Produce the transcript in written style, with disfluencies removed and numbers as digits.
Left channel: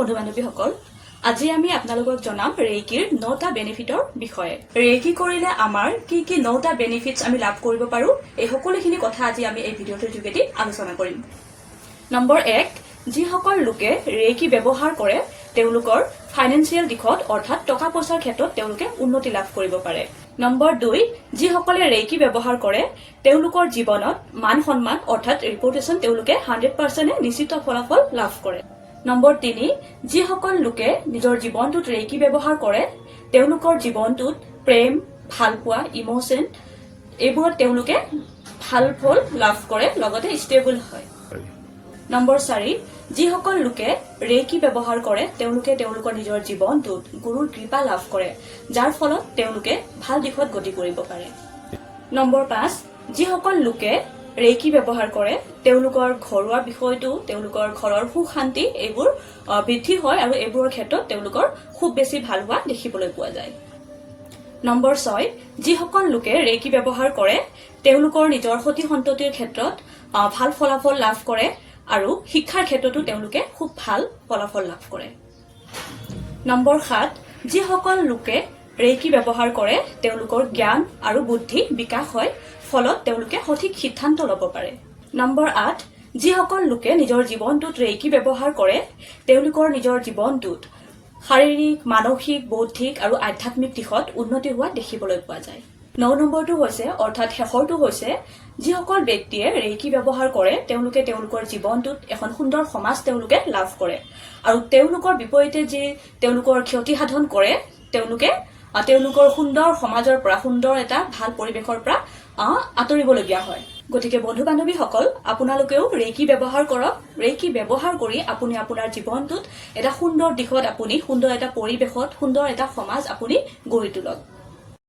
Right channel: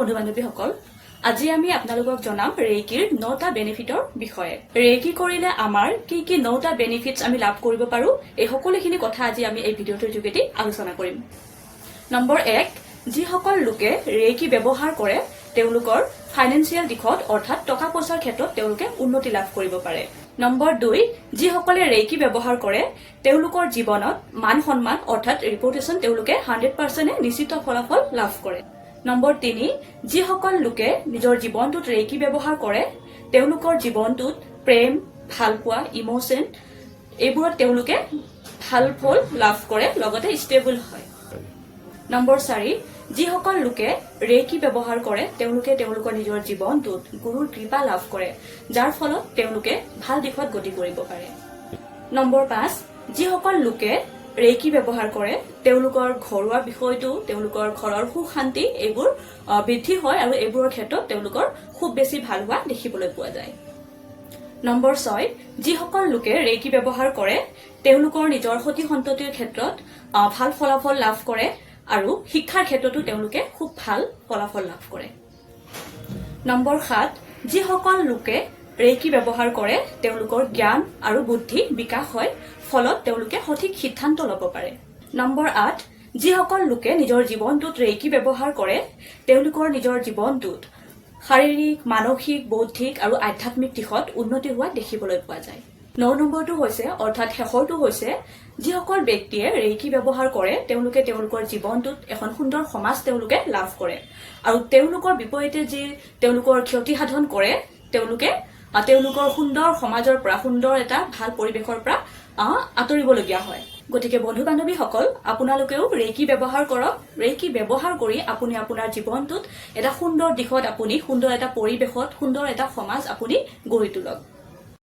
বন্ধু বান্ধৱীসকল আজি আমি আপোনালোকক জনাম ৰেইকিৰ 9টা বেনিফিটৰ বিষয়ে ৰেইকি কৰিলে আমাৰ কি 9টা বেনিফিটস আমি লাভ কৰিব পাৰো এই সকলোখিনি কথা আজি আমি এই ভিডিঅ'টোৰ যোগেদি আলোচনা কৰিম নম্বৰ 1 যিসকল লোকে ৰেইকি ব্যৱহাৰ কৰে তেওঁলোকৰ ফাইনান্সিয়েল দিশত অৰ্থাৎ টকা পইচাৰ ক্ষেত্ৰত তেওঁলোকে উন্নতি লাভ কৰিব পাৰে নম্বৰ 2 যিসকলে ৰেইকি ব্যৱহাৰ কৰে তেওঁলোকৰ জীৱনত মান সন্মান অৰ্থাৎ ৰিপুটেশন তেওঁলোকে 100% নিশ্চিত ফলাফল লাভ কৰে নম্বৰ 3 যিসকল লোকে নিজৰ জীৱনটোত ৰেইকি ব্যৱহাৰ কৰে তেওঁলোকৰ জীৱনটোত প্ৰেম ভালপোৱা ইমোশন এইবোৰত তেওঁলোকে ভাল ফল লাভ কৰে লগতে ষ্টেবল হয় নম্বৰ 4 যিসকল লোকে ৰেইকি ব্যৱহাৰ কৰে তেওঁলোকে তেওঁলোকৰ নিজৰ জীৱনটোত গুৰুৰ কৃপা লাভ কৰে যাৰ ফলত তেওঁলোকে ভাল দিশত গতি কৰিব পাৰে নম্বৰ 5 যিসকল লোকে ৰেইকি ব্যৱহাৰ কৰে তেওঁলোকৰ ঘৰুৱা বিষয়টো তেওঁলোকৰ ঘৰৰ সুখ শান্তি এইবোৰ বৃদ্ধি হয় আৰু এইবোৰৰ ক্ষেত্ৰত তেওঁলোকৰ খুব বেছি ভাল হোৱা দেখিবলৈ পোৱা যায় নম্বৰ 6 যিসকল লোকে ৰেইকি ব্যৱহাৰ কৰে তেওঁলোকৰ নিজৰ সতি সন্ততিৰ ক্ষেত্ৰত ভাল ফলাফল লাভ কৰে আৰু শিক্ষাৰ ক্ষেত্ৰতো তেওঁলোকে খুব ভাল ফলাফল লাভ কৰে নম্বৰ 7 যিসকল লোকে ৰেইকি ব্যৱহাৰ কৰে তেওঁলোকৰ জ্ঞান আৰু বুদ্ধি বিকাশ হয় ফলত তেওঁলোকে সঠিক সিদ্ধান্ত ল'ব পাৰে নম্বৰ 8 যিসকল লোকে নিজৰ জীৱনটোত ৰেইকি ব্যৱহাৰ কৰে তেওঁলোকৰ নিজৰ জীৱনটোত শাৰীৰিক মানসিক বৌদ্ধিক আৰু আধ্যাত্মিক দিশত উন্নতি হোৱা দেখিবলৈ পোৱা যায় 9 নম্বৰটো হৈছে অৰ্থাৎ শেষৰটো হৈছে যিসকল ব্যক্তিয়ে ৰেইকি ব্যৱহাৰ কৰে তেওঁলোকে তেওঁলোকৰ জীৱনটোত এখন সুন্দৰ সমাজ তেওঁলোকে লাভ কৰে আৰু তেওঁলোকৰ বিপৰীতে যে তেওঁলোকৰ ক্ষতি সাধন কৰে তেওঁলোকে তেওঁলোকৰ সুন্দৰ সমাজৰ পৰা সুন্দৰ এটা ভাল পৰিবেশৰ পৰা আঁতৰিবলগীয়া হয় গতিকে বন্ধু বান্ধৱীসকল আপোনালোকেও ৰেইকি ব্যৱহাৰ কৰক ৰেইকি ব্যৱহাৰ কৰি আপুনি আপোনাৰ জীৱনটোত এটা সুন্দৰ দিশত আপুনি সুন্দৰ এটা পৰিবেশত সুন্দৰ এটা সমাজ আপুনি গঢ়ি তোলক